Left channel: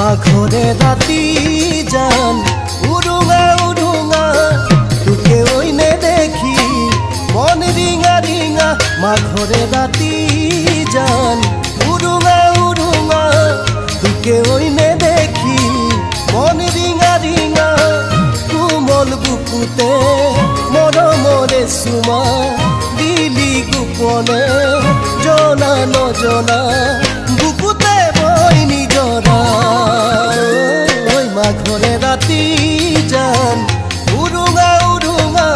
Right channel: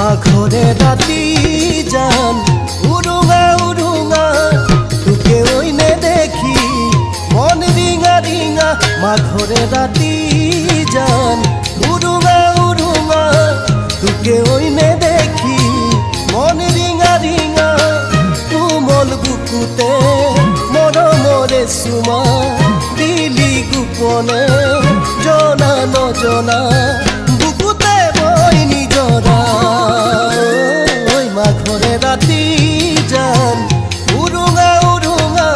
মাঘরে রাতি জান উড়ুঙা উড়ুঙা তোকে ওইনে দেখি মন রিঙা রিঙা মাঘরে রাতি জান উড়ুঙা উড়ুঙা তোকে ওইনে দেখি মন রিঙা রিঙা কোমল বুকুতে মরমরে সুমা দিলি গোপনে জনা নজনা বুকুতে বই নিজরা ওই মাঘরে রাতি জান উড়ুঙা উড়ুঙা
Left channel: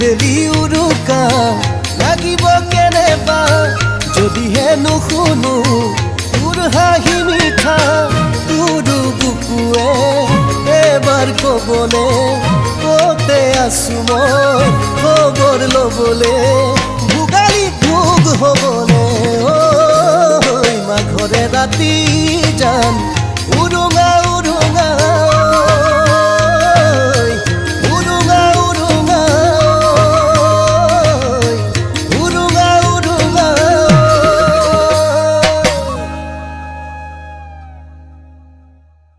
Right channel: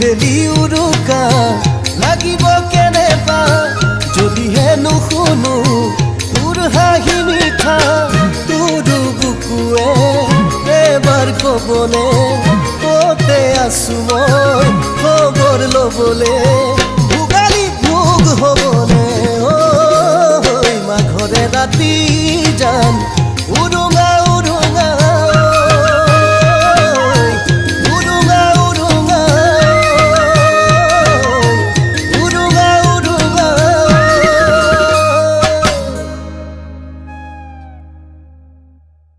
বেলি উৰুকা লাগিব কেনেবা যদিহে নুশুনো তোৰ হাঁহি মিঠা তোৰ বুকুৱে এবাৰ কবলে কতে আছো মই খবৰ লবলে ভোগালী ভোগ হবনে ঐ মাঘৰে ৰাতি জান